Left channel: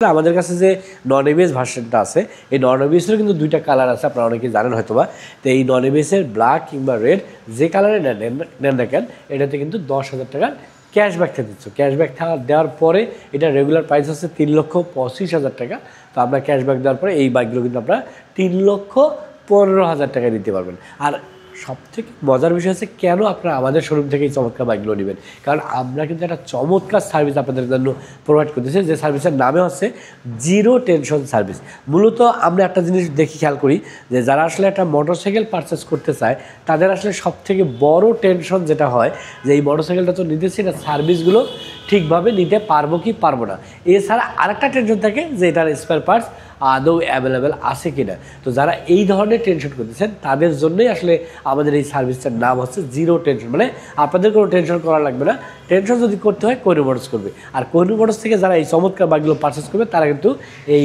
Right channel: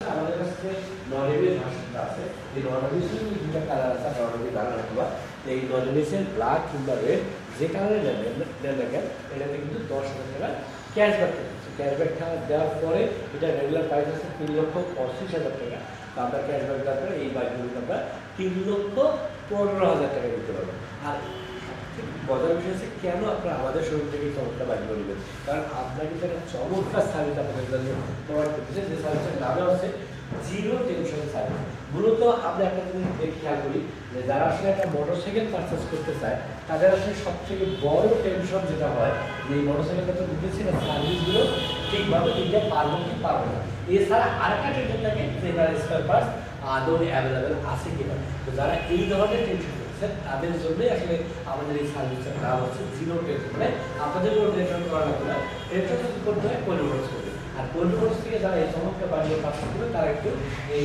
আমাদের কাছে যে নন এবিএস ভার্সনটা আছে এই নন এবিএসের কিন্তু দুইটা কালার আছে, আপনারা অনেকেই জানেন হয়তো বা। তো এই নন এবিএসের ব্ল্যাক কিংবা রেড যে কালারে নেন না কেন এটাতে কিন্তু 10,000 টাকার ক্যাশব্যাক দিচ্ছে। ক্যাশব্যাক দেওয়ার পরে এটা রেগুলার প্রাইস হচ্ছে 3,25,000 টাকা। তো আপনার ক্যাশব্যাক দেওয়ার পরে এই বাইকগুলো কিন্তু আপনারা 3,15,000 টাকায় নিতে পারবেন। আর সবথেকে মজার বিষয় হচ্ছে কেন আপনারা আমাদের শোরুম থেকে এই চমৎকার বাইকগুলো নেবেন, কারণ আমরা কিন্তু একটা চমৎকার সার্ভিস আপনাদের জন্য প্রোভাইড করতেছি, যে সার্ভিসের নামে হচ্ছে জিরো টেনশন সার্ভিস। মূলত আমরা একটা জিনিস দেখি খেয়াল করি যে যারা আসলে একটা মোটরসাইকেল পারচেস করতে চায় তাদের আসলে সবথেকে বড় টেনশন যেটা হয় যে এই মোটরসাইকেলটা তো নিতেছি, এটা সার্ভিসগুলো ঠিকভাবে নিতে পারবো কি পারবো না। এছাড়া আরেকটা টেনশন থাকে যে এটার স্পেয়ার পার্টস আদৌ অ্যাভেলেবেল আছে কি না। তো যারা এই ধরনের টেনশন করতেছেন তাদের জন্যই আসলে আমাদের এই সার্ভিসটার নাম হচ্ছে জিরো টেনশন। মানে আপনাদের কোনো টেনশন করা লাগবে না, টেনশন যদি করতে হয় কোহিনূর মোটরস করবে। আর কোহিনূর মোটরস থেকে যারা এই চমৎকার বাইকগুলো পারচেস করবে তারা কিন্তু এই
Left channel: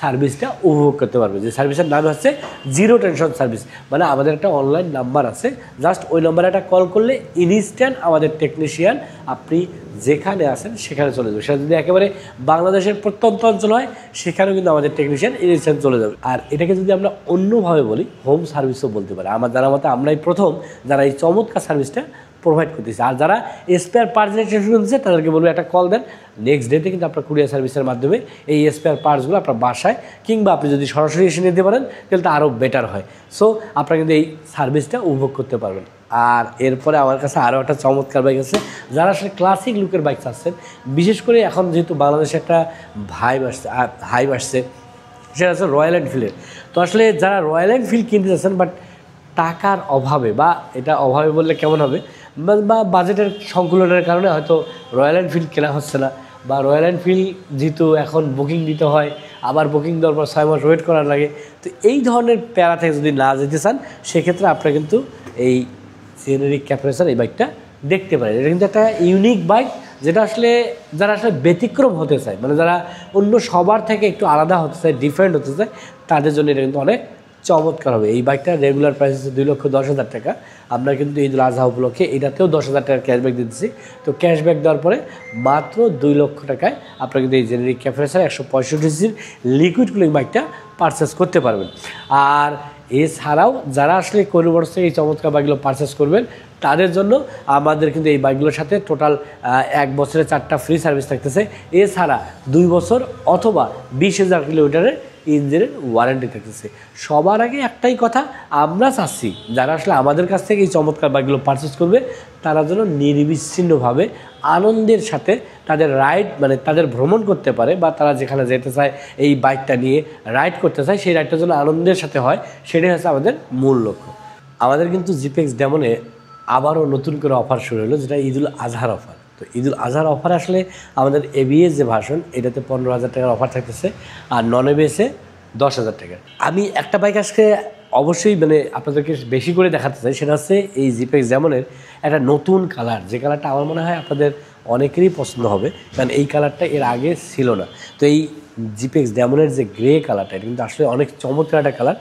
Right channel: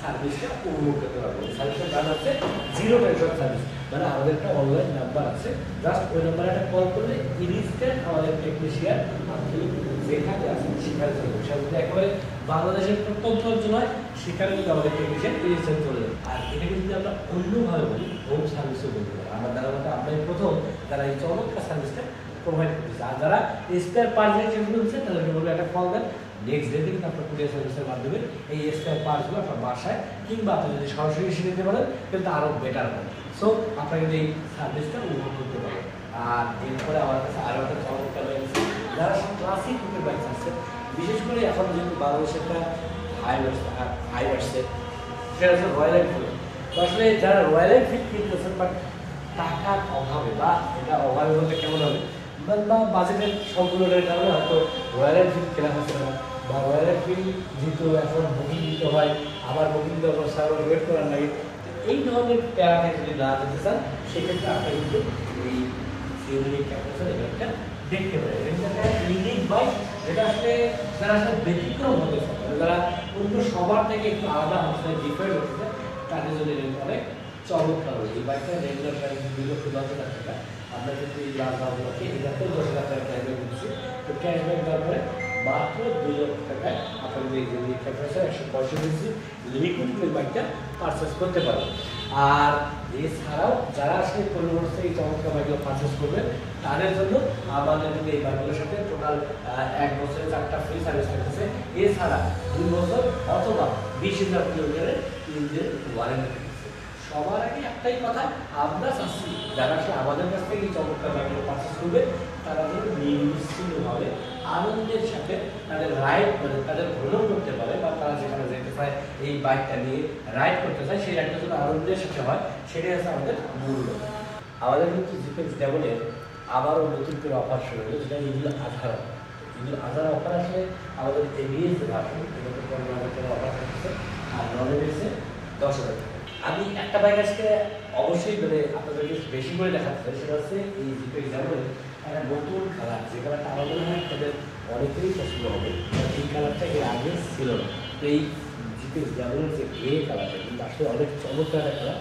সার্ভিসটা উপভোগ করতে পারবে, যে সার্ভিসের নাম হচ্ছে জিরো টেনশন সার্ভিস। মানে আমাদের একটা অনলাইন নাম্বার আছে, জাস্ট ওই নাম্বারে একটা কল করলে ইনস্ট্যান্ট আমাদের টেকনিশিয়ান আপনি যেখানে আছেন সেখানে চলে যাবে। সেটা যদি একেবারে বাংলাদেশের প্রত্যন্ত অঞ্চল হয় সেখানেও কিন্তু আমাদের টেকনিশিয়ান ইনস্ট্যান্ট চলে যাবে। আর এটাকে যদি আমরা অন্যভাবে বলি হোম সার্ভিসও বলতে পারি। আমার জানার মতে আমরাই প্রথম যারা এই চমৎকার সার্ভিসটা প্রোভাইড করতেছে। আর যারা স্পেয়ার পার্টসের টেনশন দিচ্ছে তাদেরকে বলবো একটা কল দেন, নেক্সট ডেতে কিন্তু আপনার কুরিয়ার সার্ভিসের মাধ্যমে এই স্পেয়ার পার্টসগুলো আপনার বাসায় কিংবা আপনি যদি সরাসরি এসে নিতে পারেন তাহলে তো আরও বেটার হয়। সো আপনারা কিন্তু এই সার্ভিসটা উপভোগ করতে পারবেন। আর এরপরে আমার কাছে আরও একটা চমৎকার বাইক আছে, যারা আসলে ক্লাসিক লুকের বাইক চাচ্ছেন, বিশেষ করে এখন যেহেতু বাংলাদেশে একটা হাইপ আসছে সেটা হচ্ছে রয়্যাল এনফিল্ডের। তো আসলে যারা রয়্যাল এনফিল্ড কিনতে চাচ্ছেন বাট টাকার অভাবে, বা এটা অভাবে বললে কেমন হবে, বা বাজেটের সংকুলনের কারণে হয়তো রয়্যাল এনফিল্ড কেনা হচ্ছে না, বা রয়্যাল এনফিল্ড যেহেতু এখন বুকিং দিতে হয়, আবার বুকিং দেওয়ার পর 6 মাস ওয়েট করার লাগে। তো এই ধরনের প্যারা থেকে যদি না যেতে চান সেক্ষেত্রে আপনারা কিন্তু এই সিএনআর ক্যাপ্রেসার এই বাইকটা দেখতে পারেন। এটা কিন্তু একটা ইউনিক বাইক, যেটা আসলে যারা আসলে ব্যতিক্রম হতে চায়, মানে যারা অন্য সবার থেকে একটু আলাদা হতে চায়, ডিফারেন্ট হতে চায়, তাদের জন্য এটা কিন্তু অনেক চমৎকার হবে। এই বাইকটা রেগুলার প্রাইস হচ্ছে 2,10,000 টাকা। আমরা কিন্তু ঈদুল আজহা উপলক্ষে এটাতেও 10,000 টাকার ক্যাশব্যাক দিচ্ছি। তো ক্যাশব্যাক দেওয়ার পরে মাত্র 2 লক্ষ টাকায় আপনারা কিন্তু এই জেনারিক ক্যাপ্রেসার 165 সিসির লিকুইড কুলিং বাইকটা পারচেস করতে পারবেন। আর এছাড়াও যারা আসলে কোহিনূর মোটরস থেকে এই চমৎকার বাইকগুলো পারচেস করবেন তাদের জন্য আমাদের কিন্তু এই বাইকগুলোর সাথে টোটাল 1 বছরে 4টা ফ্রি সার্ভিস থাকতেছে। এছাড়া 2 বছর অথবা 20,000 কিলোমিটারের ইঞ্জিনের ওয়ারেন্টি থাকতেছে। সবার আগে একটাই কথা, আমরা চাচ্ছি যারা আসলে আমাদের কাছ থেকে এই চমৎকার বাইকগুলো পারচেস করবে তারা যেন নির্বিচ্ছিন্নভাবে আনন্দের সাথে তাদের রাইড, মানে তাদের ভ্রমণ করতে পারে, বা তারা যেখানে যেতে চায় এই বাইকটা নিয়ে রাইড করতে চায় সেই রাইডটা যেন আনন্দের সাথে হয়, সেটাই হচ্ছে আমাদের মূল লক্ষ্য। আমাদের কিন্তু জিপেক্স ডেমনে আবারও নতুন করে অফার শুরু হলো, যেটা ঈদুল আজহার অফার। তো ঈদুল আজহার অফারে আসলে আমাদের এবিএস যে ভার্সন এটাতে 15,000 টাকার অফার থাকতেছে, আর নন এবিএসে 10,000 টাকা। আমি একটা বাইক আজকে অবশ্যই মানে আপনাদেরকে বেশি করে দেখাতে চাই, সেটা হচ্ছে এই জিপেক্স ডেমনের একটা নতুন কালার, যে কালারটা আমার মনে হয় আপনাদের অনেকেরই পছন্দ হবে, কারণ এই কালারটা এর আগে ছিল না। তো এই জিপেক্স ডেমনের যে গ্রে কালারটা এটা কিন্তু আসলে অনেক চমৎকার একটা কালার।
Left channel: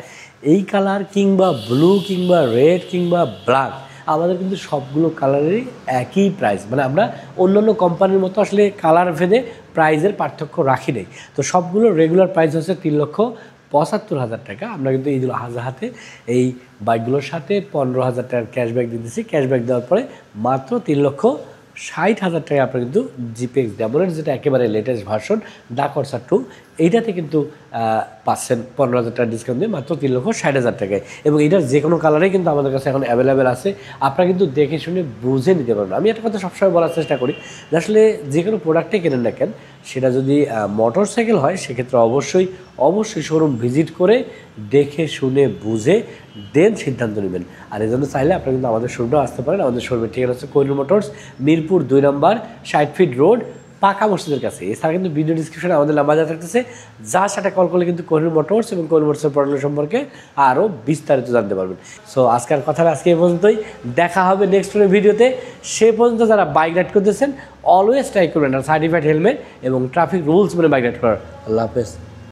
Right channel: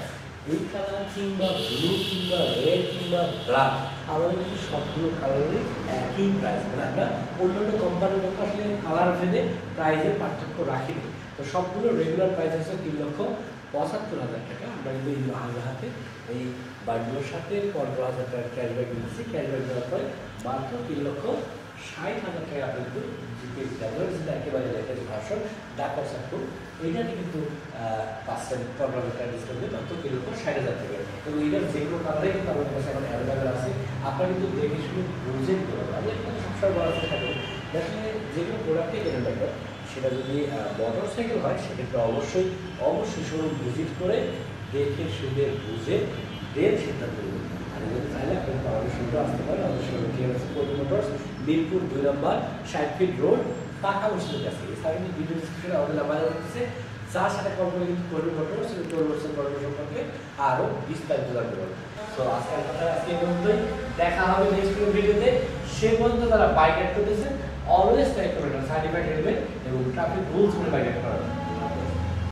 এই কালার কিংবা ব্লু কিংবা রেড কিংবা ব্ল্যাক আমাদের কিন্তু সবগুলো কালারেরই একই প্রাইস, মানে আমরা অন্যান্য কোম্পানির মতো আসলে কালার ভেদে প্রাইসের পার্থক্য রাখি নেই। তো সবগুলো রেগুলার প্রাইস হচ্ছে 3,75,000 টাকা। আমরা কিন্তু ঈদুল আজহাতে এই বাইকগুলোর সাথে 15,000 টাকার ক্যাশব্যাক দিতেছি। ক্যাশব্যাক দেওয়ার পরে মাত্র 3,60,000 টাকায় আপনারা কিন্তু জিপেক্স ডেমনের যেটা একেবারে লেটেস্ট ভার্সন ডাকরসা 2 এইটাতে কিন্তু পাচ্ছেন 15,000 টাকা ডিসকাউন্ট দিয়ে মাত্র 3,60,000 টাকায়। এবং এটার যে কোনো কালারেই কিন্তু আমাদের কাছে এখন অ্যাভেলেবেল আছে, আপনারা কিন্তু দেখে শুনে বুঝে নিতে পারবেন। আমি একটা কথা সবসময় বলার চেষ্টা করি যে আসলে যে কোনো প্রোডাক্টে কেনেন না কেন, সেটা যদি মোটর সাইকেল হয় সেক্ষেত্রে অবশ্যই শোরুম ভিজিট করে দেখে শুনে বুঝে দেন সিদ্ধান্ত নেবেন। আর এই জন্য চাইলে আপনারা কিন্তু আমাদের শোরুমে আসতে পারেন। আমাদের শোরুমের ঠিকানা হচ্ছে কোহিনূর মোটরস, মিরপুর 2 নম্বর 60 ফিট রোড, পাকা মসজিদের কাছে। এছাড়া কিন্তু ভিডিও ডিসক্রিপশনে আমাদের নাম্বার দেওয়া থাকতেছে, যার সাথে কল করলে কিন্তু কোহিনূর মোটরস এবং কোহিনূর মোটরসের পড়াশোনা সম্পর্কে আরও বিস্তারিত জানতে পারবেন। সো আজকের কথাটা আজকে এই পর্যন্তই, দেখা হবে নেক্সট কোনো ভিডিওতে। সে পর্যন্ত যারা বাইক রাইড করতেছেন অলওয়েজ ট্রাই করবেন সার্টিফাইড হেলমেট এবং ট্রাফিক রুলস বলে বাইক রাইড করার। আল্লাহ হাফেজ।